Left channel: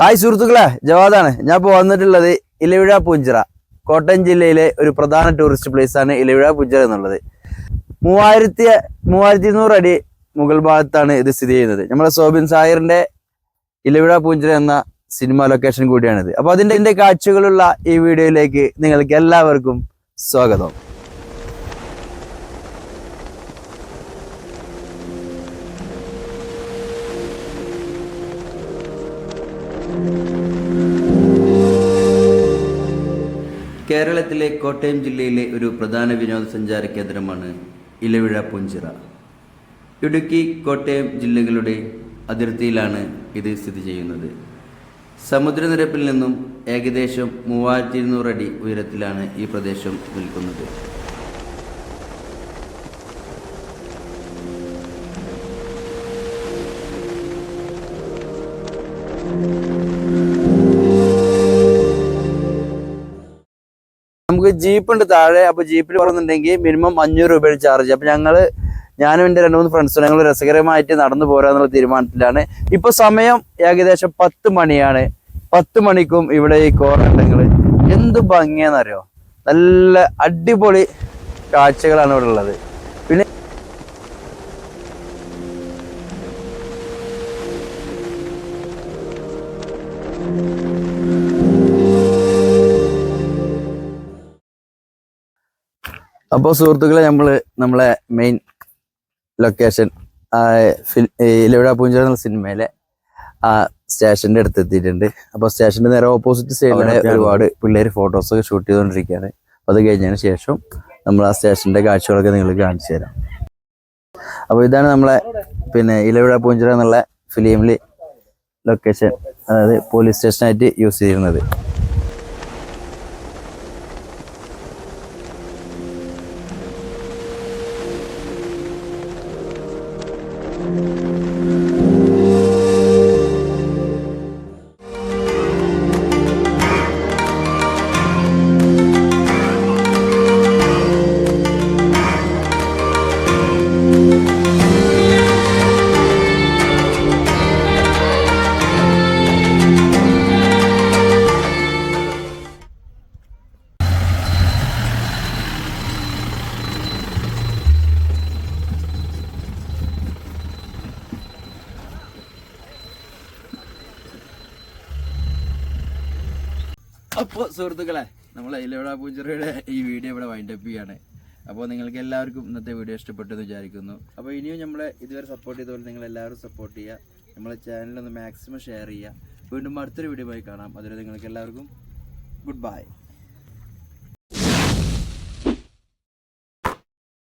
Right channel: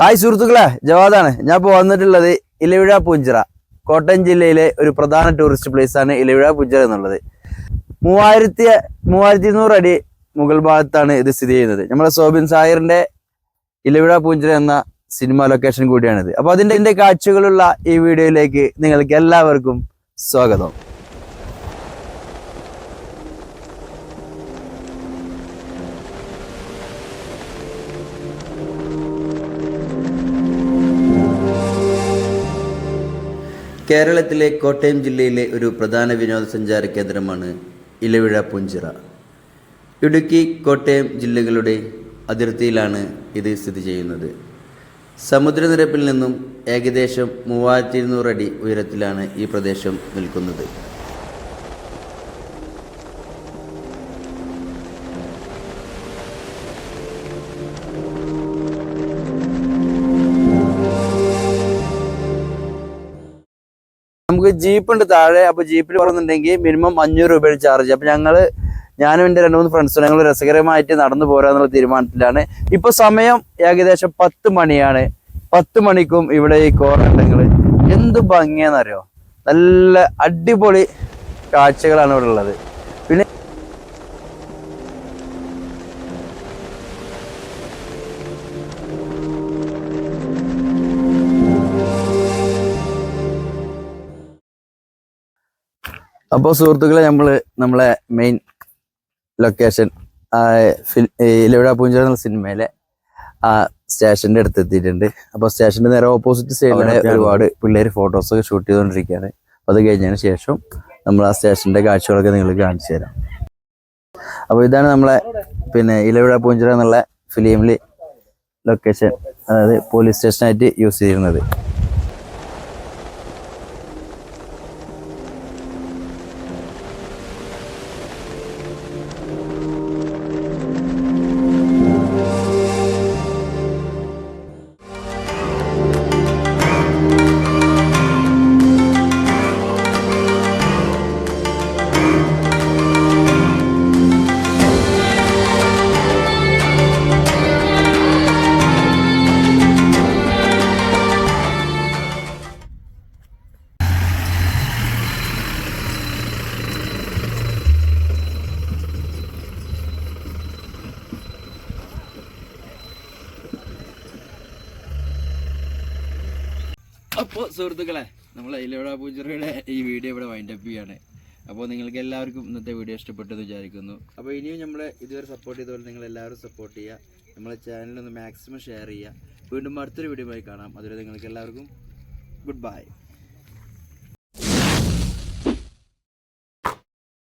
Hi സുഹൃത്തുക്കളെ, ജവാദാണ്. ഞാൻ ഇപ്പോൾ വന്നിട്ടുള്ളത് ഇലവിഴ പൂഞ്ചിറ, കോട്ടയം ജില്ലയിലെ ഒരു പ്രധാന ടൂറിസ്റ്റ് പ്ലേസ് ആണ് ഇലവിഴ പൂഞ്ചിറ എന്നുള്ളത്. 3200 അടി മുകൾ ഭാഗത്താണ് ഇത് സ്ഥിതി ചെയ്യുന്നത്. നമ്മുടെ സോബിൻ സാഹിറിന്റെ ഇലവിഴ പൂഞ്ചിറ എന്ന സിനിമ ലൊക്കേഷൻ കൂടിയാണിത്. അപ്പോൾ അതിന്റെ കാഴ്ചകളുള്ള ഈ വീഡിയോയിലേക്ക് നിങ്ങൾക്ക് എല്ലാവർക്കും സ്വാഗതം. കേരളത്തിലെ കോട്ടയം ജില്ലയിലെ ഒരു പ്രധാന വിനോദസഞ്ചാര കേന്ദ്രമാണ് ഇലവിഴ പൂഞ്ചിറ. ഇടുക്കി, കോട്ടയം ജില്ലകളുടെ അതിർത്തിയിലാണ് ഇത് സ്ഥിതി ചെയ്യുന്നത്. സമുദ്രനിരപ്പിൽ നിന്നും ഏകദേശം 3200 അടി ഉയരത്തിലാണ് ഈ പ്രദേശം നിൽക്കുന്നത്. നമുക്ക് ജീപ്പ് ഉണ്ട് താഴെ. അപ്പൊ ജീപ്പിൽ പോകുന്നുണ്ടെങ്കിൽ മിനിമം 500 രൂപ ചാർജ്. അപ്പൊ ഞാനും എൻ്റെ 2-3 ഫ്രണ്ട്സും ഞങ്ങൾ രസകരമായിട്ട് നടന്നു പോരാന്നുള്ള തീരുമാനത്തിലാണ്. ഇപ്പൊ സമയം ഏകദേശം 10 മണിയാണ്. 10 മണിക്കും ഇവിടെ ഈ കോറണ്ടങ്ങൾ എന്ത് ഭംഗിയാന്നറിയോ, നല്ല അടിപൊളി കാഴ്ചകളാണ് ഇവിടെ ഉള്ളത്. പിന്നെ അപ്പോൾ സുഹൃത്തുക്കളെ, നമ്മളെ മെയിൻ ലൊക്കേഷൻ ഇലവിഴ പൂഞ്ചിറ എന്ന സിനിമയിലെ ആ സ്റ്റേഷൻ്റെ അടുത്ത് എത്തിയിട്ടുണ്ട്. അപ്പോൾ സ്റ്റേഷൻ്റെ നേരെ ഓപ്പോസിറ്റ് സൈഡിലാണ് ഒരുപാട് പിള്ളേർ ഫോട്ടോസൊക്കെ ഷൂട്ട് ചെയ്തുകൊണ്ടിരിക്കുകയാണ്. അപ്പോൾ അത് കഴിഞ്ഞതിന് ശേഷം നമ്മൾ ആ സ്റ്റേഷൻ്റെ കാഴ്ചകളൊക്കെ നിങ്ങൾക്ക് കാണിച്ചു തരാം. അപ്പോൾ ഇതാണ് നമ്മളെ ഇലവിഴ പൂഞ്ചിറ എന്നുള്ള ഫിലിമിൽ ലൊക്കേഷൻ, അതായത് പോലീസ് സ്റ്റേഷനായിട്ട് യൂസ് ചെയ്യുന്നത്. അപ്പോൾ സുഹൃത്തുക്കളെ, നമ്മൾ ഇലവിഴ പൂഞ്ചിറയുടെ ഈ വീഡിയോ ഇവിടെ വൈൻഡപ്പ് ചെയ്യാണ്. അപ്പോൾ നിങ്ങൾക്ക് എല്ലാവർക്കും ഇന്നത്തെ വീഡിയോ ഇഷ്ടപ്പെട്ടെന്ന് വിചാരിക്കുന്നു. അപ്പോൾ ഇനിയും നമ്മളെ ഇതുവരെ സപ്പോർട്ട് ചെയ്തപോലെ നിങ്ങൾ എല്ലാവരും സപ്പോർട്ട് ചെയ്യുക. നമ്മളെ ചാനലൊന്ന് മാക്സിമം ഷെയർ ചെയ്യുക. വീണ്ടും അടുത്തൊരു വീഡിയോയുമായി കാണാം. അതുവരെ നിങ്ങൾക്ക് എല്ലാവർക്കും ഗുഡ് ബൈ.